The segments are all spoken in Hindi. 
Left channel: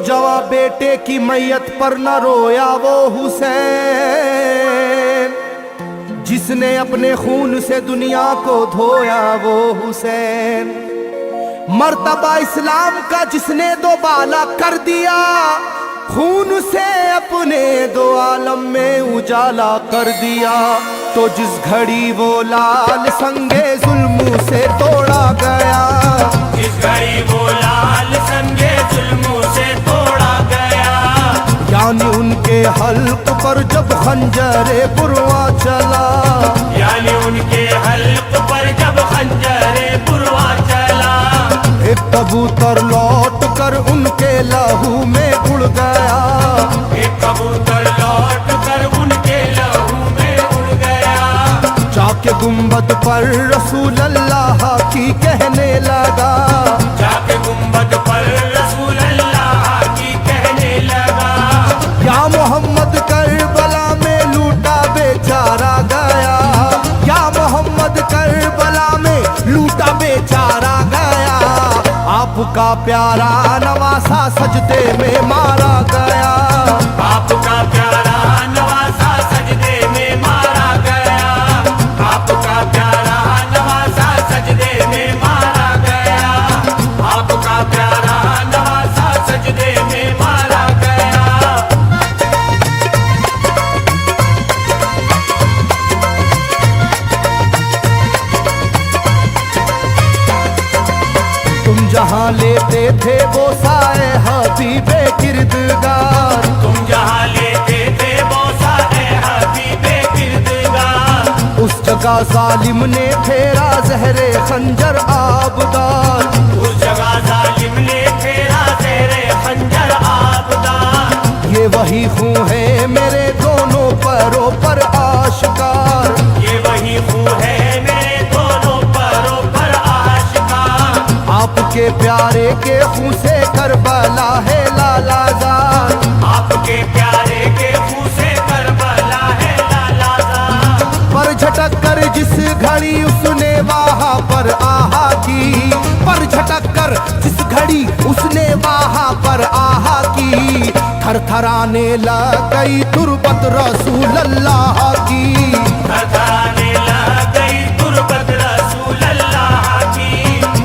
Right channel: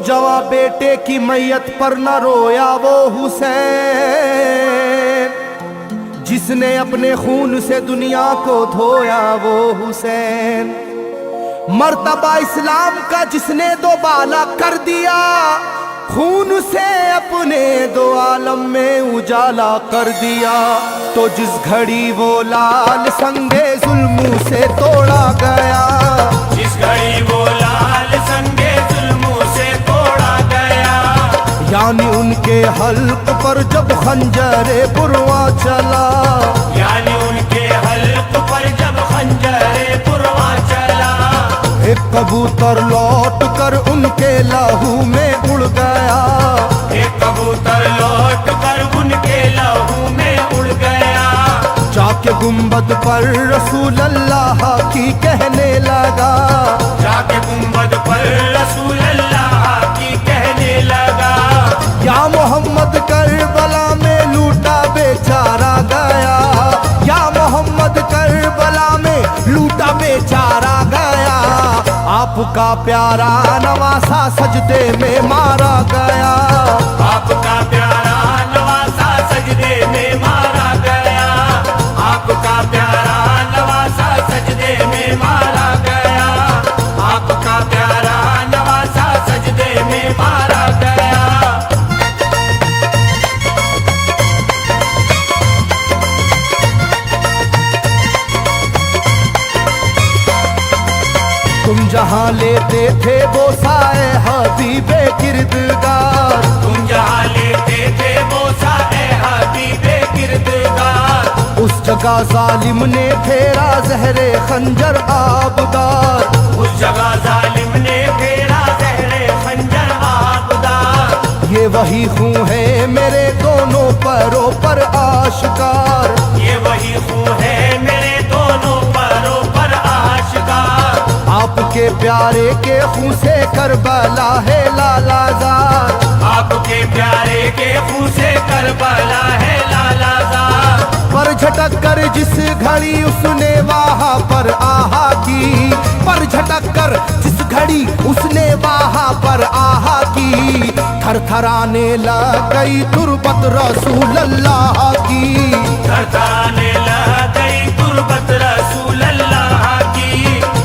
जवां बेटे की मैयत पर न रोया वो हुसैन, जिसने अपने खून से दुनिया को धोया वो हुसैन। मर्तबा इस्लाम का जिसने दो बाला कर दिया, खून से अपने दो आलम में उजाला कर दिया। तो जिस घड़ी वो लाल संगे जुल्म से तोड़ा गया, जिस घड़ी वो लाल संगे जुल्म से तोड़ा गया, यानी उनके हल्क पर जब खंजरे पुरवा चला, यानी उनके हल्क पर जब खंजरे पुरवा चला, एक कबूतर लौट कर उनके लहू में उड़ गया, एक कबूतर लौट कर उनके लहू में उड़ गया। जाके गुंबद पर रसूल अल्लाह की कहने लगा, जाके गुंबद पर रसूल अल्लाह की कहने लगा, या मोहम्मद करबला में लूटा बेचारा गया, या मोहम्मद करबला में लूटा बेचारा गया। आपका प्यारा नवासा सजदे में मारा गया, आपका प्यारा नवासा सजदे में मारा गया, आपका प्यारा नवासा सजदे में मारा गया, आपका प्यारा नवासा सजदे में मारा गया। तुम जहाँ लेते थे वो साए हबीबे किरदगार, तुम जहाँ लेते थे बोसा ए हबीबे किरदगार, उस जगह जालिम ने फेरा जहरे खंजर आबदार। उस जगह जालिम ने फेरा ज़हरे खंजर आबदार। ये वही खून है मेरे दोनों पैरों पर आशकार, ये वही खून है मेरे दोनों पैरों पर आशिकार। आपके प्यारे के खून से करबला है लालाजार, आपके प्यारे के खून से करबला है लालाजार। पर झटक कर जिस घड़ी उसने वहाँ पर आहा की, पर झटक कर जिस घड़ी उसने वहाँ पर आहा की, थरथराने लग गई तुरबत रसूल अल्लाह की, थरथराने लग गई तुरबत रसूल अल्लाह की,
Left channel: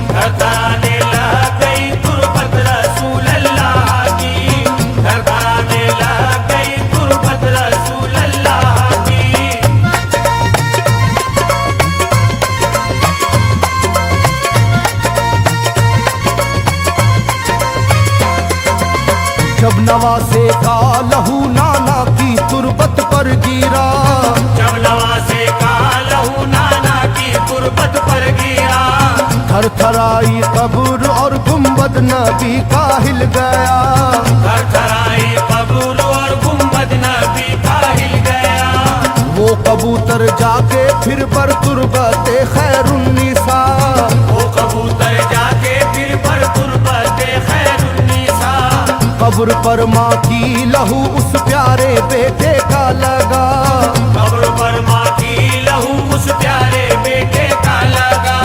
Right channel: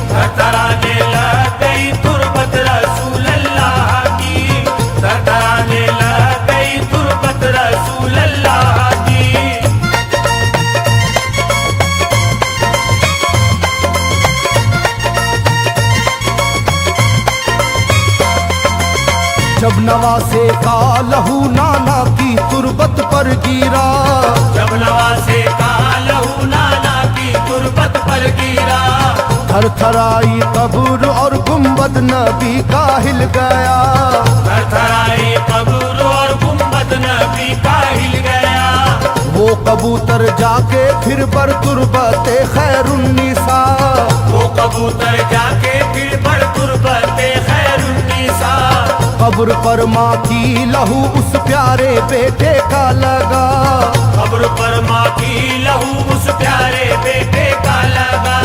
थरथराने लग गई तुरबत रसूल अल्लाह की, थरथराने लग गई तुरबत रसूल अल्लाह की। जब नवासे का लहू नाना की तुरबत पर गिरा, जब नवासे का लहू नाना की तुरबत पर गिरा, थरथराई कब्र और गुंबद नबी का हिल गया। थरथराई कब्र और गुंबद नबी का हिल गया। वो कबूतर जाके फिर पर तुरबते खैरुन्निसा, वो कबूतर जाके फिर पर तुरबते खैरुन्निसा, कब्र पर माँ की लहू उस प्यारे बेटे का लगा, कब्र पर माँ की लहू उस प्यारे बेटे का लगा।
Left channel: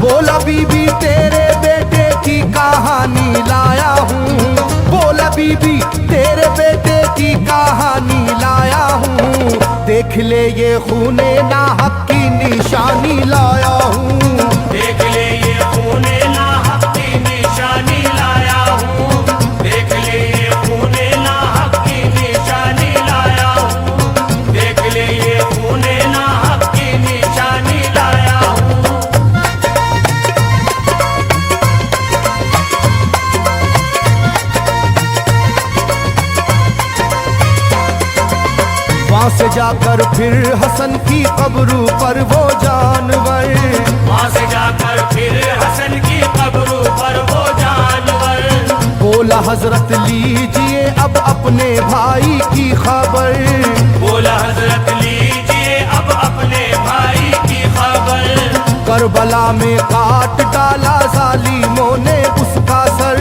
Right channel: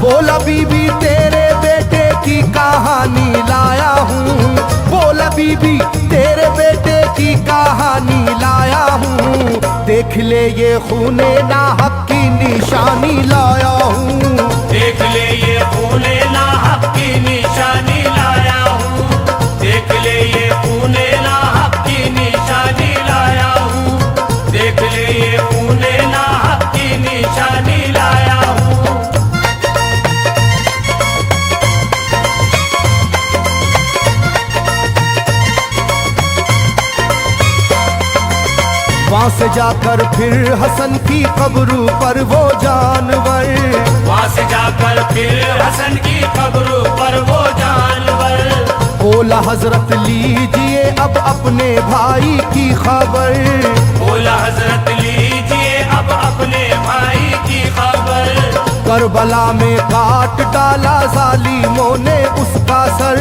बोला बीबी तेरे बेटे की कहानी लाया हूँ, बोला बीबी तेरे बेटे की कहानी लाया हूँ, देख ले ये खूने नाहक की निशानी लाया हूँ, देख ले ये खूने नाहक की निशानी लाया हूँ, देख ले ये खूने नाहक की निशानी लाया हूँ, देख ले ये खूने नाहक की निशानी लाया हूँ। वहाँ से जाकर फिर हसन की कब्र पर वो जानवर, वहाँ से जाकर फिर हसन की कब्र पर वो जानवर, बोला हजरत लीजिए अब अपने भाई की खबर, बोला हजरत लीजिए अब अपने भाई की खबर। करबला में काट डाला जालिमों ने उसका सर,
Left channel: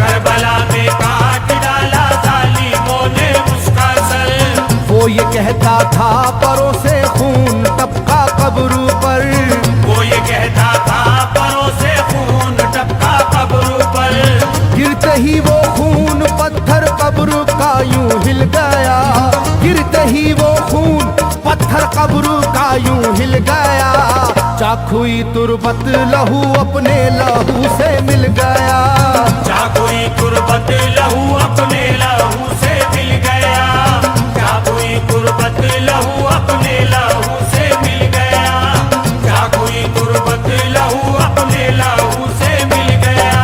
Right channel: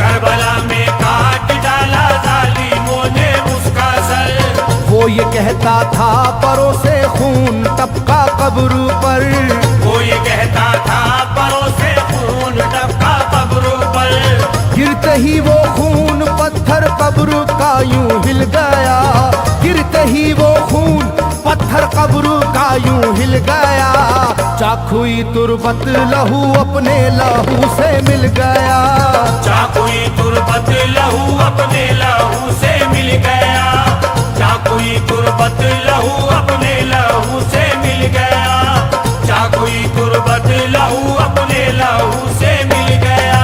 करबला में काट डाला जालिमों ने उसका सर। वो ये कहता था परों से खून टपका कब्र पर, वो ये कहता था परों से खून टपका कब्र पर। गिरते ही वो खून पर पत्थर कब्र का यूं हिल गया, गिरते ही वो खून पत्थर कब्र का यूं हिल गया। चाकुई तुरबत लहू अपने लहू से मिल गया, चाकुई तुरबत लहू अपने लहू से मिल गया, चाकुई तुरबत लहू अपने लहू से मिल गया, चाकुई तुरबत लहू अपने लहू से मिल गया।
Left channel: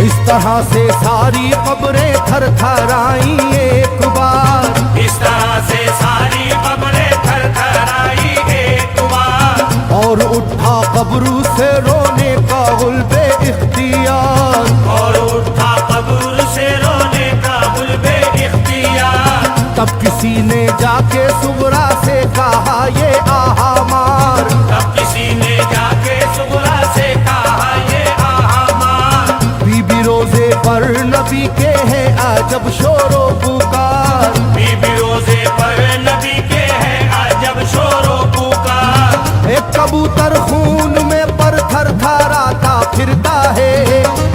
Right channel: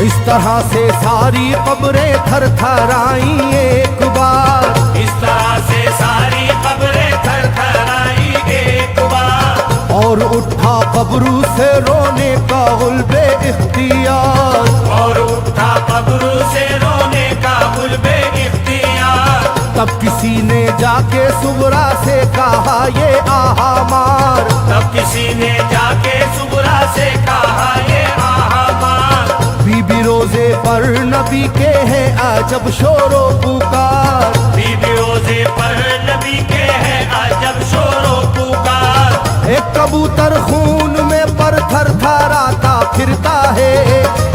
इस तरह से सारी कब्रें थर थर आई एक बार, इस तरह से सारी कब्रें थर थर आई एक बार, और उठा कब्र से रोने का गुल्बे इख्तियार, और उठा कब्र से रोने का गुल्बे इख्तियार। तब किसी ने जाके सुगरा से कहा ये आहा मार, तब किसी ने जाके सुगरा से कहा ये आहा मार। बीबी रोजे पर नबी के हैं अजब शोरो पुकार, बीबी रोजे पर नबी के हैं अजब शोरो पुकार। एक कबूतर खून में पर थर थराता फिरता है,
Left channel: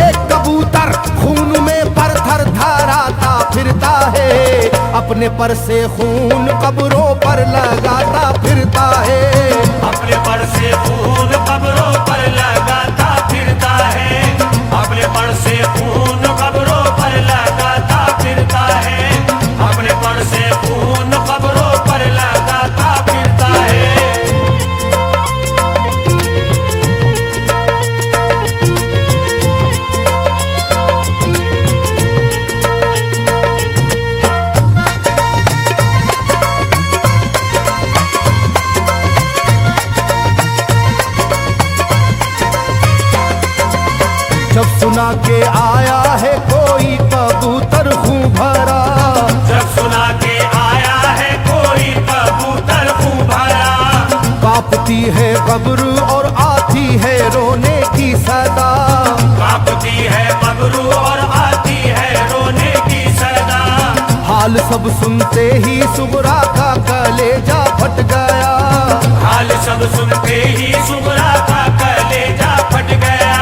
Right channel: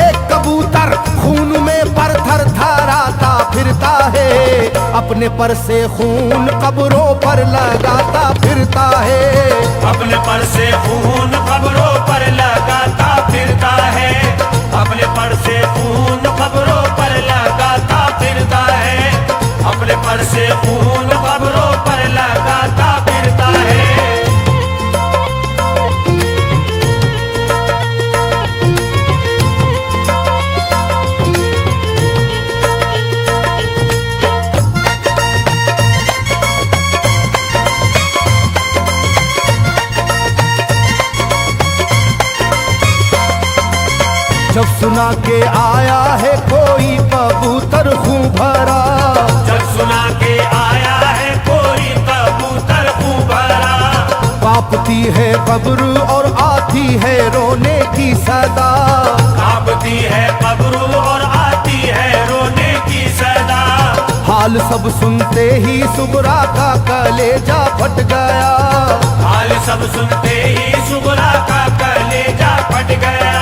एक कबूतर खून में पर थर थराता फिरता है, अपने पर से खून कब्रों पर लगाता फिरता है, अपने पर से खून कब्रों पर लगाता फिरता है, अपने पर से खून कब्रों पर लगाता फिरता है, अपने पर से खून कब्रों पर लगाता फिरता है। जब सुना के आया है कोई कबूतर खूं भरा, जब सुना के आया है कोई कबूतर खूं भरा, कांपती है कब्र और आती है रोने की सदा, कांपती है कब्र और आती है रोने की सदा। हाल सब सुनते ही सुगरा का कलेजा फट गया, हाल सब सुनते ही सुगरा का कलेजा फट गया।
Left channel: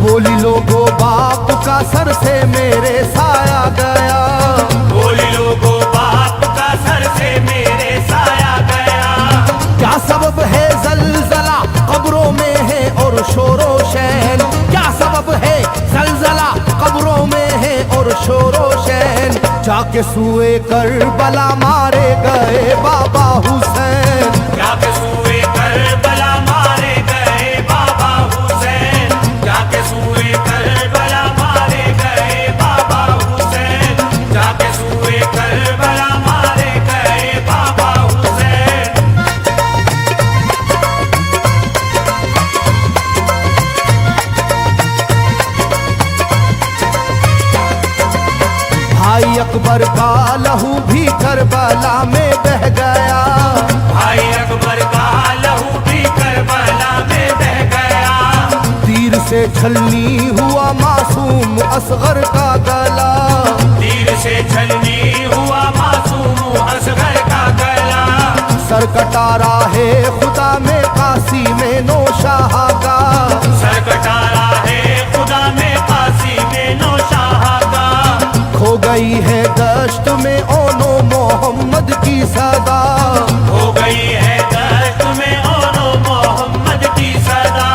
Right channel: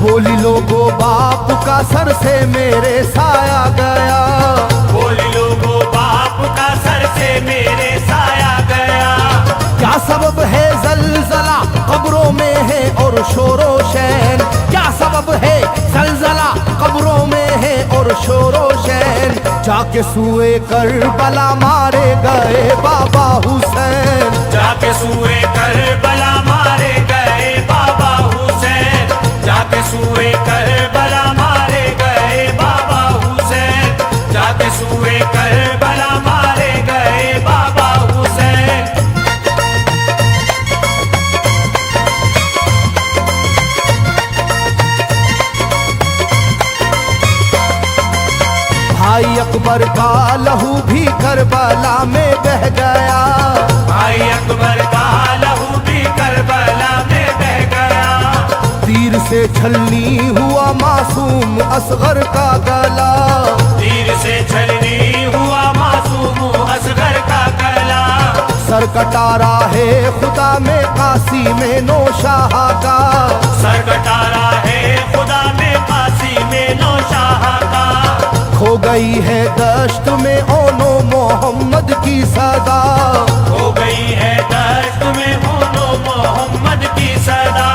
बोली लोगो बाप का सर से मेरे साया गया, बोली लोगो बाप का सर से मेरे साया गया। क्या सबब है जलजला कब्रों में है और शोरो शैन, क्या सबब है जलजला कब्रों में है और शोरो शैन। जाके सुए करबला मारे गए बाबा हुसैन, जाके सुए करबला मारे गए बाबा हुसैन, जाके सुए करबला मारे गए बाबा हुसैन, जाके सुए करबला मारे गए बाबा हुसैन। भाई अकबर का लहू भी करबला में बह गया, भाई अकबर का लहू भी करबला में बह गया। तीर से छलनी हुआ मासूम असगर का गला, तीर से छलनी हुआ मासूम असगर का गला। सर कटारा है खुदा में काशी में नौशाह का, सर कटारा है खुदा में काशी में नौशाह का। खो गई है दश्त में ओनो मोहम्मद की सदा, हो गई है दश्त में ओनो मोहम्मद की सदा।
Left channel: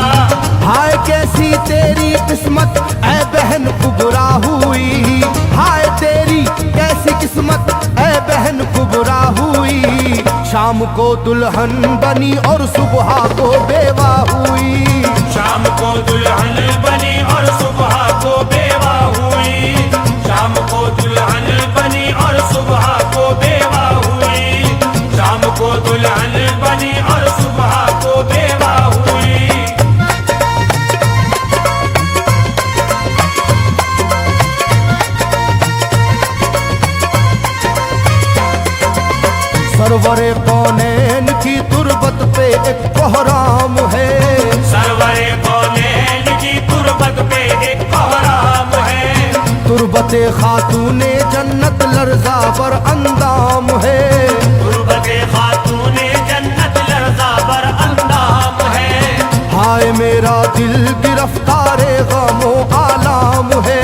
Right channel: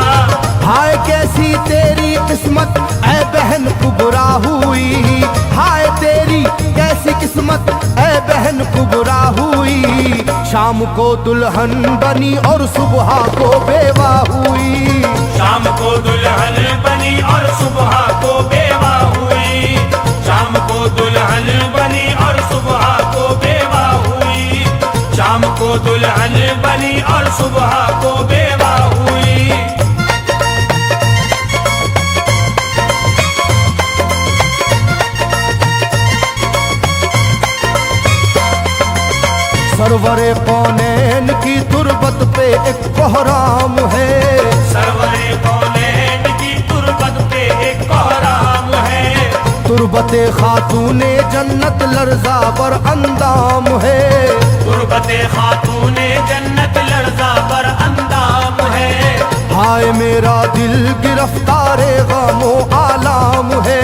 हाय कैसी तेरी किस्मत ऐ बहन कुबरा हुई, हाय तेरी कैसी किस्मत ऐ बहन कुबरा हुई। शाम को दुल्हन बनी और सुबह को बेवा हुई, शाम को दुल्हन बनी और सुबह को बेवा हुई, शाम को दुल्हन बनी और सुबह को बेवा हुई, शाम को दुल्हन बनी और सुबह को बेवा हुई। सरवरे कौनैन की तुरबत पे एक कोहराम है, सरवरे कौनैन की तुरबत पे एक कोहराम है। तुरबते खातूने जन्नत लर्जा पर अंदाम है, तुरबते खातूने जन्नत हाय मेरा दिल गिरफ्तारे गमो आलाम है,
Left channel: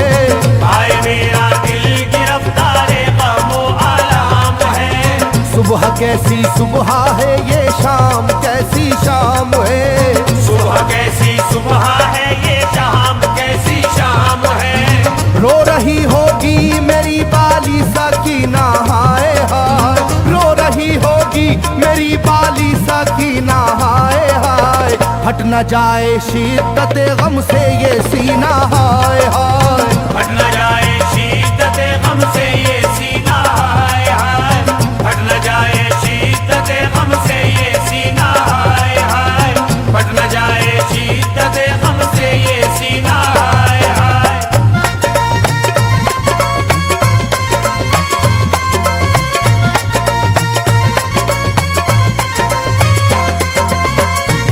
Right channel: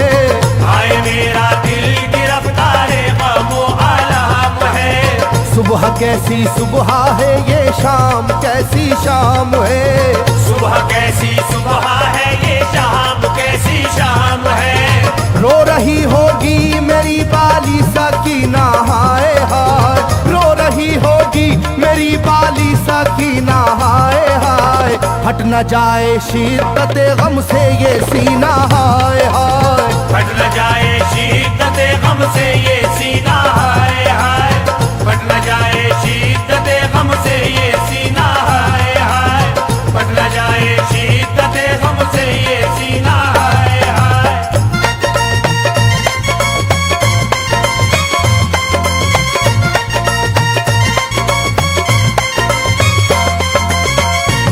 हाय मेरा दिल गिरफ्तारे गमो आलाम है। सुबह कैसी सुबह है ये शाम कैसी शाम है, सुबह कैसी सुबह है ये शाम कैसी शाम है। रो रही होगी मेरी बाली सकीना हाय हाय, रो रही होगी मेरी बाली सकीना हाय हाय। फट न जाए शिद्दत गम से ये सीना हाय हाय, फट न जाए शिद्दत गम से ये सीना हाय हाय, फट न जाए शिद्दत गम से ये सीना हाय हाय, फट न जाए शिद्दत गम से ये सीना हाय हाय।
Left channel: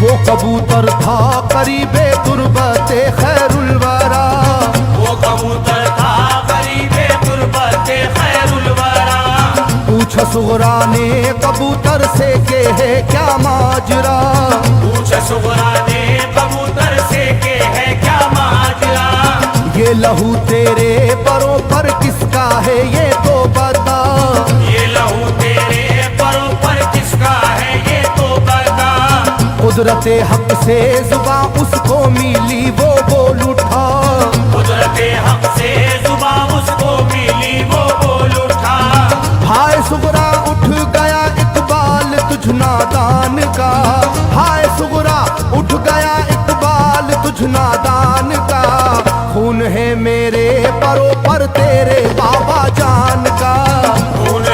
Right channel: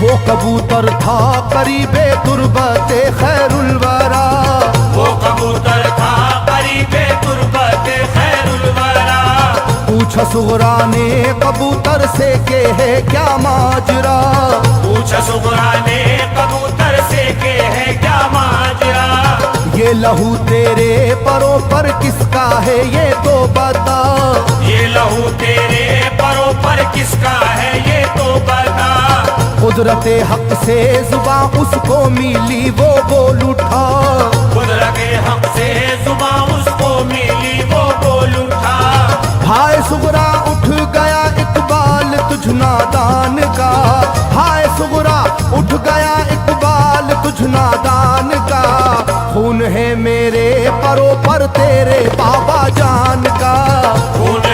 वो कबूतर था करीबे तुरबते खैरुल वरा, वो कबूतर था करीबे तुरबते खैरुल वरा। पूछा सुगरा ने कबूतर से के है क्या माजरा, पूछा सुगरा ने कबूतर से के है क्या माजरा। ये लहू तेरे परों पर किसका है ये तो बता, ये लहू तेरे परों पर किसका है ये तो बता। कुदरते हक से जुबां उसको मिली वो बोल उठा, कुदरते हक से जुबां उसको मिली वो बोल उठा। हाय सुगरा उठ गया इकबाल तुझ नादान का, हाय सुगरा उठ गया इकबाल तुझ नादान का। खून है मेरे परों पर तेरे बाबा जान